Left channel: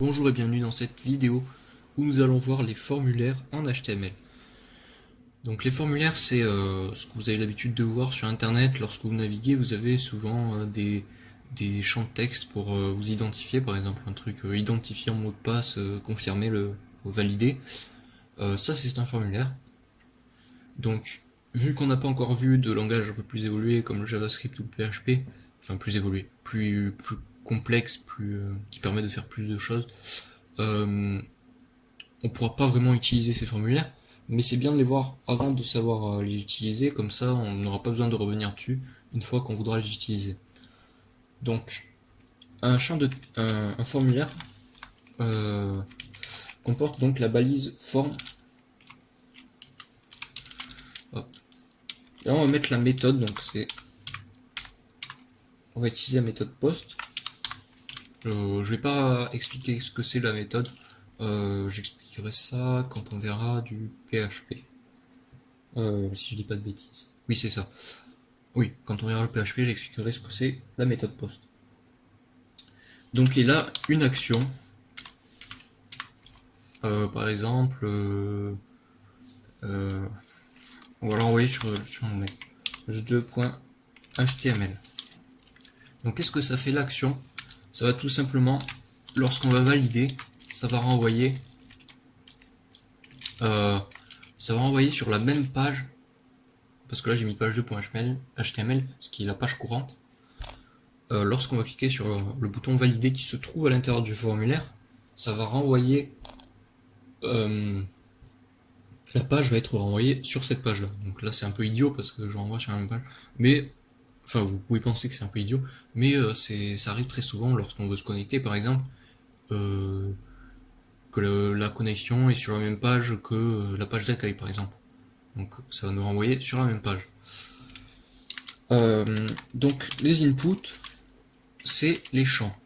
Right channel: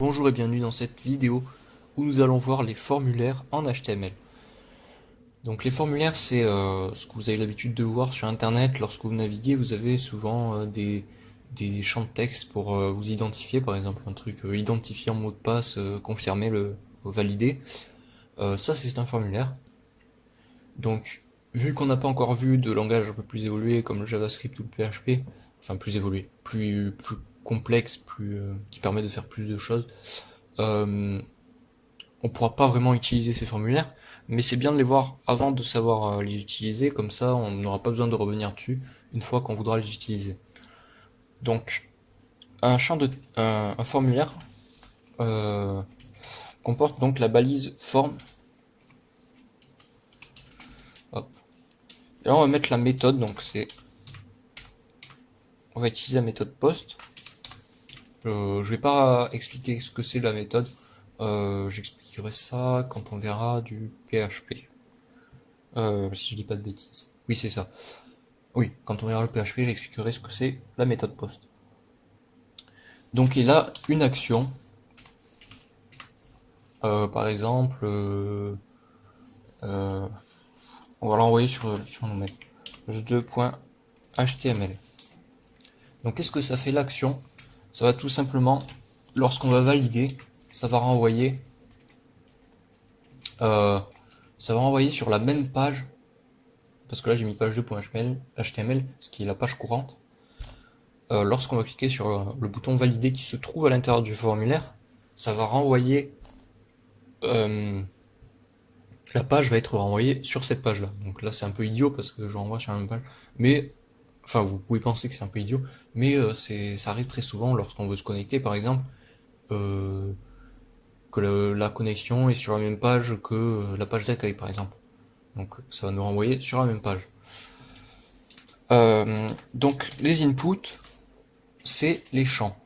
Bonjour et bienvenue dans cette vidéo où nous allons voir les formulaires en HTML. Donc les formulaires, c'est ce que vous avez l'habitude de voir sur internet. Lorsque vous naviguez, vous avez souvent des champs de texte pour vous identifier, par exemple un truc identifier en mot de passe, confirmer, valider. Ça c'est un formulaire. Donc vu qu'on n'a pas encore vu de langage un peu plus évolué comme le JavaScript ou le PHP, enfin plus évolué, plus complexe, qui permet de faire plus de choses, euh, on pourra pas vraiment utiliser ces formulaires, mais c'est bien de les voir avant de savoir les utiliser, comme ça on n'aura pas besoin de revenir dessus une fois qu'on voudra les utiliser. Donc un formulaire euh, comporte donc la balise form. Hop. Et là on va mettre la méthode, donc on va utiliser la méthode post. Je vais pas expliquer ce que c'est la méthode, j'expliquerai ça quand on verra du PHP. Si je dis pas de bêtises. Oui, c'est ça. Oui, quand on verra le PHP, j'expliquerai ce que c'est la méthode post. Donc il a une action, par exemple, euh, on va l'envoyer sur nos mails. h2.html. Donc qu'est-ce que ça fait l'action? Ça va tout simplement, lorsqu'on va valider, ça va renvoyer, euh, ça va renvoyer sur la même page, parce que là j'ai mis page 2.html, ce qui est la page courante. Lorsqu'on va cliquer sur le bouton valider qui se trouve à l'intérieur du formulaire, ça va renvoyer euh, la page va être renvoyée sur cette page-là. Donc là, c'est un peu idiot parce que je renvoie sur la même page. Mais, enfin, vous pouvez penser que c'est un peu idiot, mais ça arrive très souvent lorsqu'on veut se connecter, par exemple, euh, que la connexion est sur la même page que la page d'accueil, par exemple. Donc ça va nous renvoyer sur la même page. Donc les inputs, c'est les champs.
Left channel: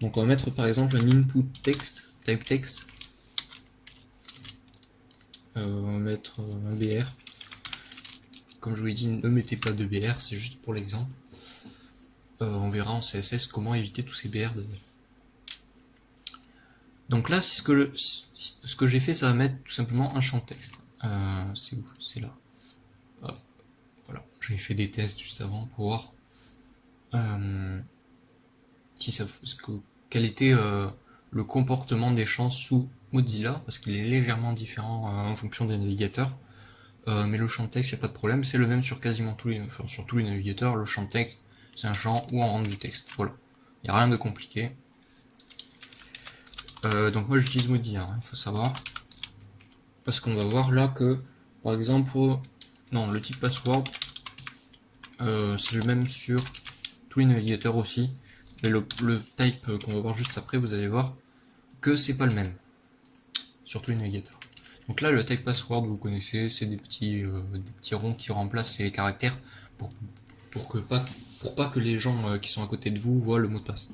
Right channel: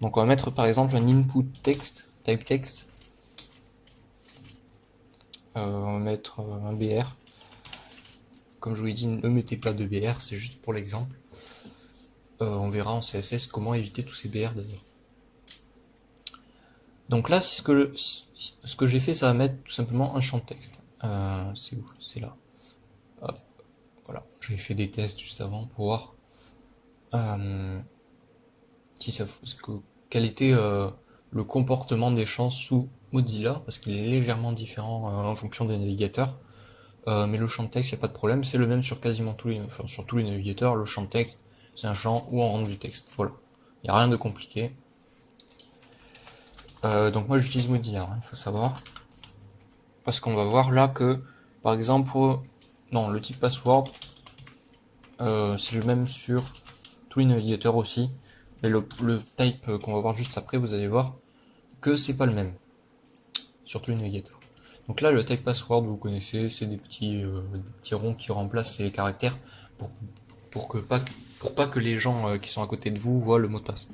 Donc on va mettre par exemple un input text, type text. On va mettre un BR. Comme je vous l'ai dit, ne mettez pas de BR, c'est juste pour l'exemple. On verra en CSS comment éviter tous ces BR d'ailleurs. Donc là, ce que j'ai fait, ça va mettre tout simplement un champ de texte. C'est là. Hop, voilà. J'ai fait des tests juste avant pour voir euh, quel était le comportement des champs sous Mozilla, parce qu'il est légèrement différent en fonction des navigateurs. Mais le champ de texte, il n'y a pas de problème, c'est le même sur quasiment sur tous les navigateurs. Le champ de texte, c'est un champ où on rentre du texte. Voilà. Il n'y a rien de compliqué. Donc moi j'utilise Mozilla, il faut savoir. Parce qu'on va voir là que, par exemple, non, le type password, c'est le même sur tous les navigateurs aussi. Et le type qu'on va voir juste après, vous allez voir que c'est pas le même sur tous les navigateurs. Donc là, le type password, vous connaissez, c'est des petits ronds qui remplacent les caractères pour, pour pas que les gens qui sont à côté de vous voient le mot de passe.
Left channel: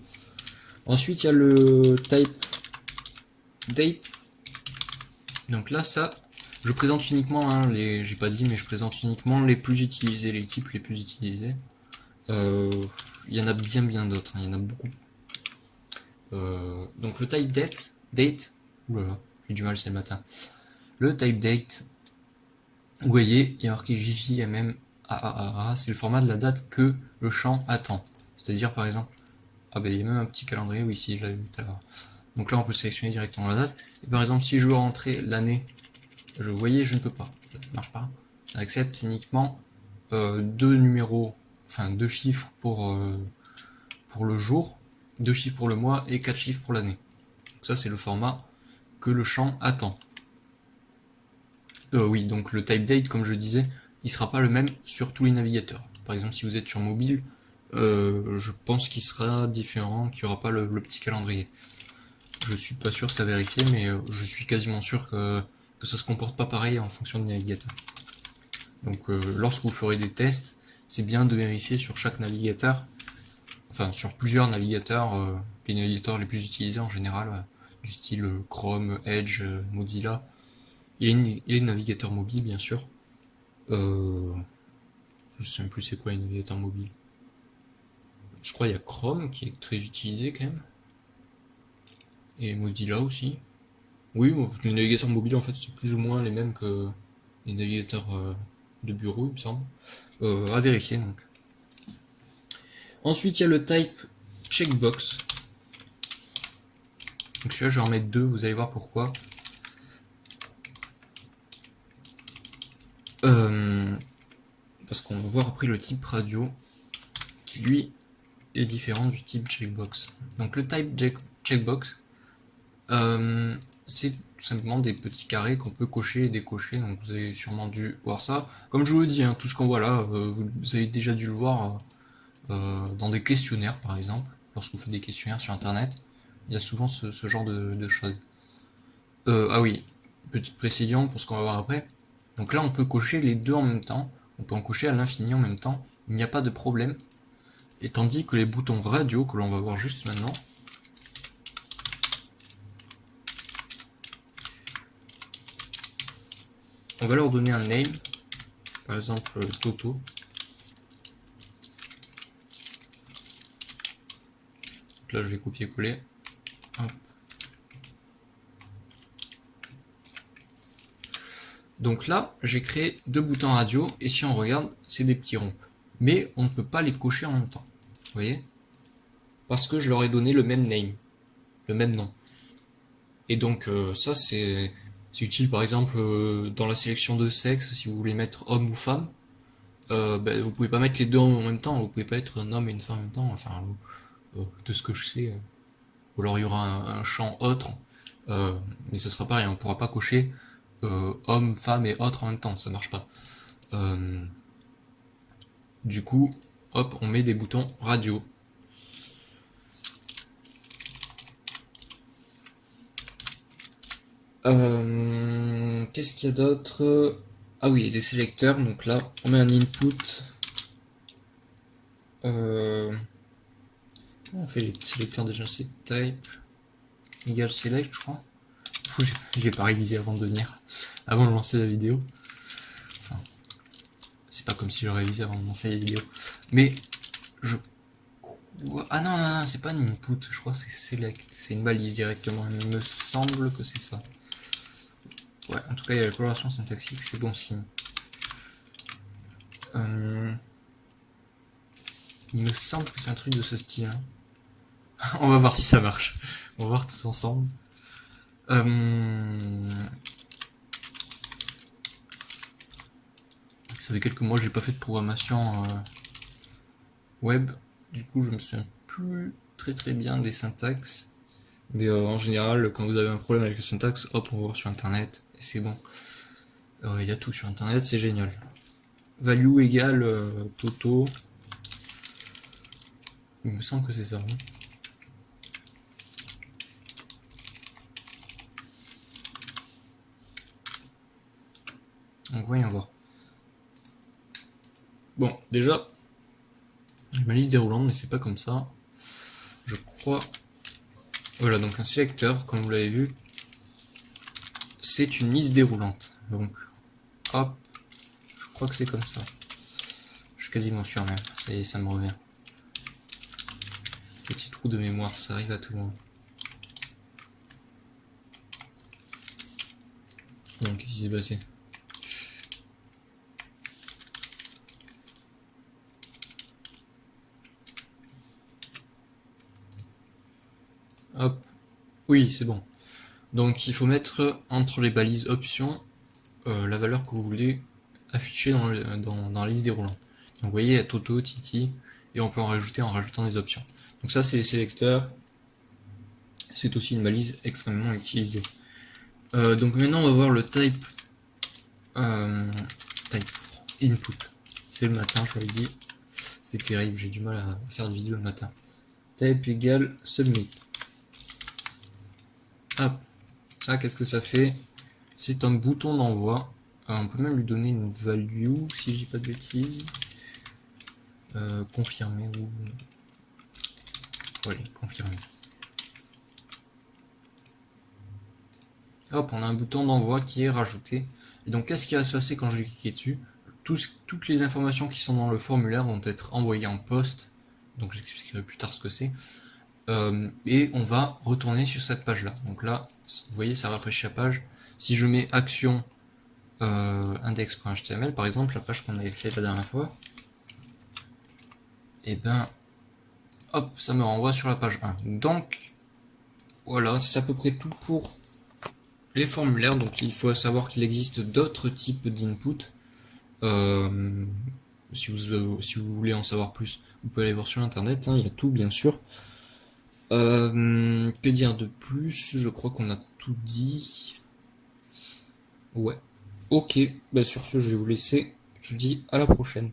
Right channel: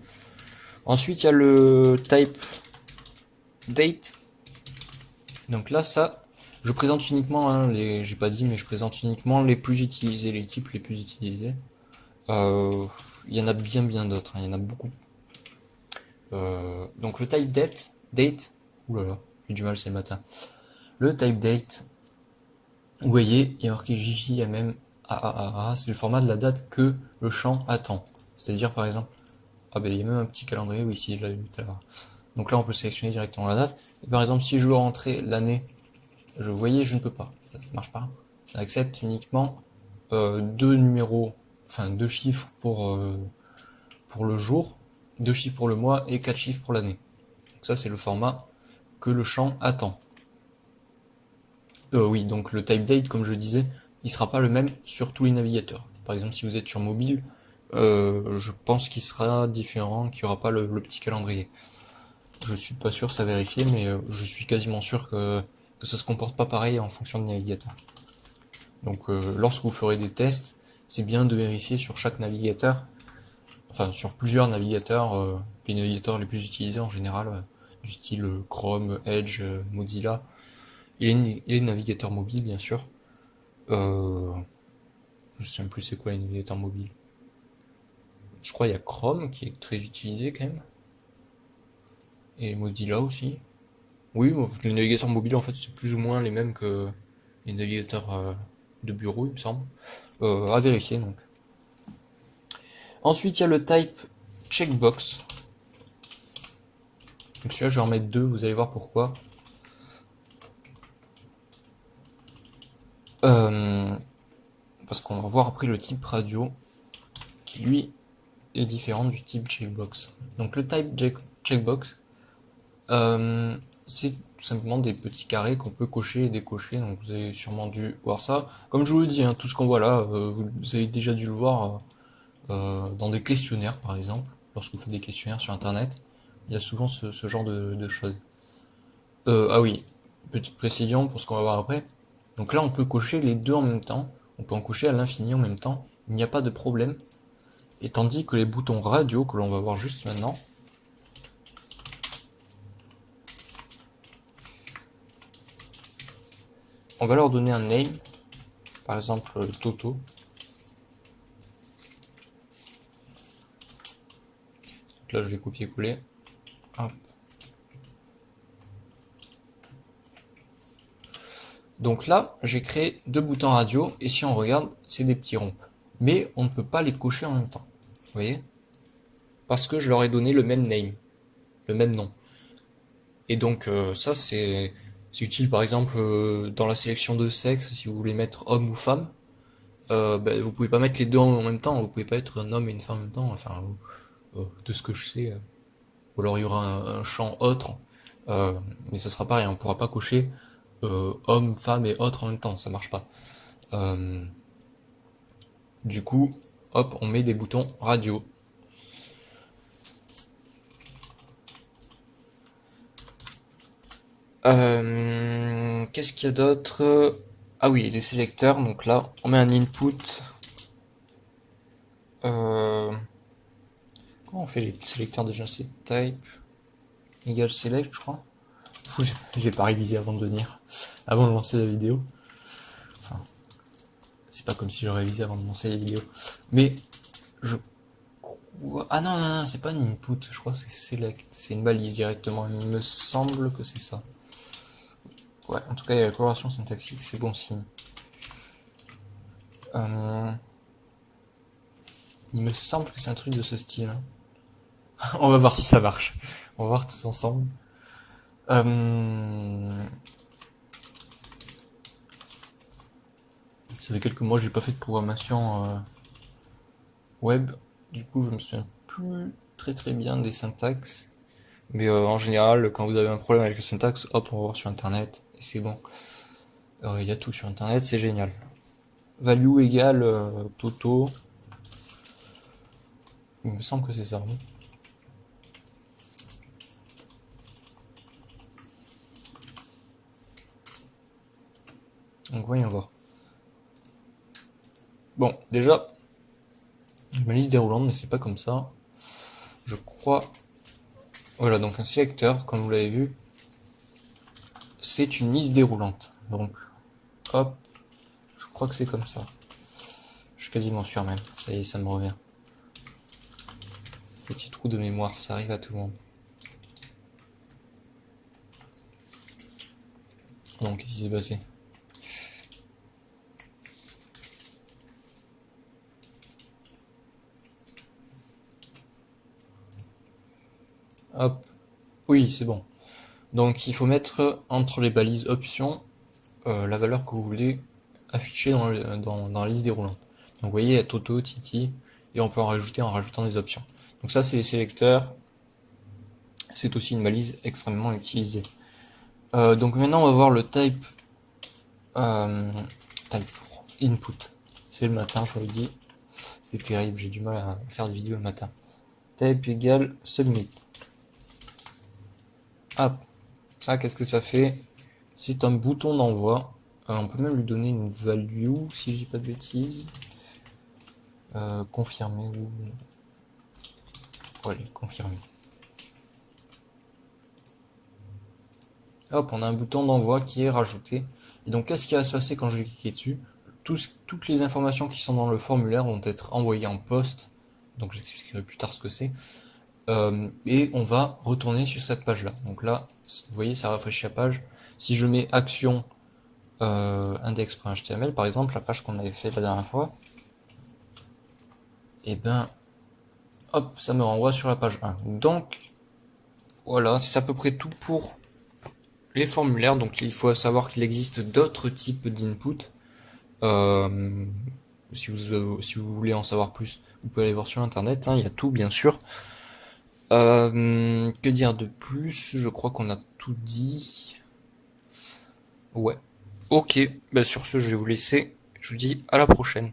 Ensuite, il y a le type date. Donc là, ça, je présente uniquement, hein, j'ai pas dit, mais je présente uniquement les plus utilisés, les types les plus utilisés. Il y en a bien d'autres, hein, il y en a beaucoup. Donc le type date, oulala, j'ai du mal, c'est le matin. Le type date, vous voyez, il y a marqué JJMM AAA, c'est le format de la date que le champ attend. C'est-à-dire par exemple, ah ben il y a même un petit calendrier, oui, ici, je l'avais vu tout à l'heure. Donc là, on peut sélectionner directement la date. Et par exemple, si je veux rentrer l'année, vous voyez, je ne peux pas. Ça marche pas. Ça accepte uniquement deux numéros, enfin deux chiffres pour le jour, deux chiffres pour le mois et quatre chiffres pour l'année. Donc ça, c'est le format que le champ attend. Oui, donc le type date, comme je disais, il sera pas le même sur tous les navigateurs. Par exemple, si vous êtes sur mobile, je pense qu'il sera différent, qu'il n'y aura pas le petit calendrier. Je suis pas sûr, ça vérifier, mais je suis quasiment sûr que ça se comporte pas pareil en fonction du navigateur. Donc lorsque vous ferez des tests, c'est bien de vérifier sur chaque navigateur, enfin sur plusieurs navigateurs, les navigateurs les plus utilisés en général, du style Chrome, Edge, Mozilla, et les navigateurs mobiles bien sûr. Je sais même plus c'est quoi les navigateurs mobiles. Je crois qu'il y a Chrome qui est très utilisé quand même. et Mozilla aussi. Oui, bon, les navigateurs mobiles en fait c'est plus ou moins les mêmes que les navigateurs de bureau, il me semble. À vérifier donc. Ensuite, il y a le type checkbox. Donc celui-là, je vais en mettre deux, vous allez voir pourquoi. Parce qu'on va voir après le type radio, qui lui est différent du type checkbox. Donc le type checkbox, c'est tout simplement des petits carrés qu'on peut cocher et décocher. Donc vous avez sûrement dû voir ça. Comme je vous le dis, hein, tout ce qu'on voit là, vous avez déjà dû le voir dans des questionnaires par exemple. Lorsque vous faites des questionnaires sur internet, il y a souvent ce genre de choses. Ah oui, petite précision pour ce qu'on va voir après. Donc là, on peut cocher les deux en même temps. On peut en cocher à l'infini en même temps. Il n'y a pas de problème. Et tandis que les boutons radio, que l'on va voir juste maintenant, on va leur donner un name. Par exemple, Toto. Donc là, je vais copier-coller. Hop. Donc là, j'ai créé deux boutons radio, et si on regarde, c'est des petits ronds. Mais on ne peut pas les cocher en même temps. Vous voyez? Parce que je leur ai donné le même name, le même nom. Et donc ça, c'est utile par exemple dans la sélection de sexe, si vous voulez mettre homme ou femme. Vous pouvez pas mettre les deux en même temps, vous pouvez pas être un homme et une femme en même temps, enfin, de ce que je sais. Ou alors il y aura un champ autre, mais ça sera pareil, on pourra pas cocher homme, femme et autre en même temps, ça marche pas. Du coup, hop, on met des boutons radio. Qu'est-ce qu'il y a d'autre? Ah oui, les sélecteurs, donc là, on met un input. Comment on fait les sélecteurs déjà? C'est type égale select, je crois. J'ai pas révisé avant de venir, avant de lancer la vidéo. Enfin, c'est pas comme si je révisais avant de lancer la vidéo. Mais je crois. Ah non, non, non, c'est pas une input, je crois que c'est select. C'est une balise directement. Il me semble que c'est ça. Ouais, en tout cas, il y a la coloration syntaxique, c'est bon signe. Il me semble que c'est un truc de ce style. On va voir si ça marche. On va voir tous ensemble. Ça fait quelques mois que j'ai pas fait de programmation web. Du coup, je me souviens plus très bien des syntaxes. Mais en général, quand vous avez un problème avec le syntaxe, hop, on va voir sur internet. Et c'est bon. Il y a tout sur internet, c'est génial. Value égale Toto. Il me semble que c'est ça. Donc voyons voir. Bon, déjà, ma liste déroulante, mais c'est pas comme ça. Je crois. Voilà, donc un sélecteur, comme vous l'avez vu, c'est une liste déroulante. Donc, hop, je crois que c'est comme ça. Je suis quasiment sûr même. Ça y est, ça me revient. Petit trou de mémoire, ça arrive à tout le monde. Donc, qu'est-ce qui s'est passé? Hop. Oui, c'est bon. Donc, il faut mettre entre les balises options la valeur que vous voulez afficher dans la liste déroulante. Donc, vous voyez, il y a Toto, Titi, et on peut en rajouter en rajoutant des options. Donc ça, c'est les sélecteurs. C'est aussi une balise extrêmement utilisée. Donc maintenant, on va voir le type input. C'est le matin, je vous l'ai dit. C'est terrible, j'ai du mal à faire des vidéos le matin. Type égale submit. Hop. Ça, qu'est-ce que ça fait? C'est un bouton d'envoi. On peut même lui donner une value, si je dis pas de bêtises. Confirmer ou... Ouais, confirmer. Hop, on a un bouton d'envoi qui est rajouté. Et donc, qu'est-ce qui va se passer quand je vais cliquer dessus? Toutes les informations qui sont dans le formulaire vont être envoyées en poste. Donc, j'expliquerai plus tard ce que c'est. Et on va retourner sur cette page là. Donc là, vous voyez, ça rafraîchit la page. Si je mets action index.html, par exemple, la page qu'on avait fait la dernière fois, et ben hop, ça me renvoie sur la page 1. Donc voilà, c'est à peu près tout pour les formulaires. Donc il faut savoir qu'il existe d'autres types d'input. Si vous voulez en savoir plus, vous pouvez aller voir sur internet, hein, il y a tout bien sûr. Que dire de plus? Je crois qu'on a tout dit. Ouais. Ok, bah sur ce je vais vous laisser. Je vous dis à la prochaine.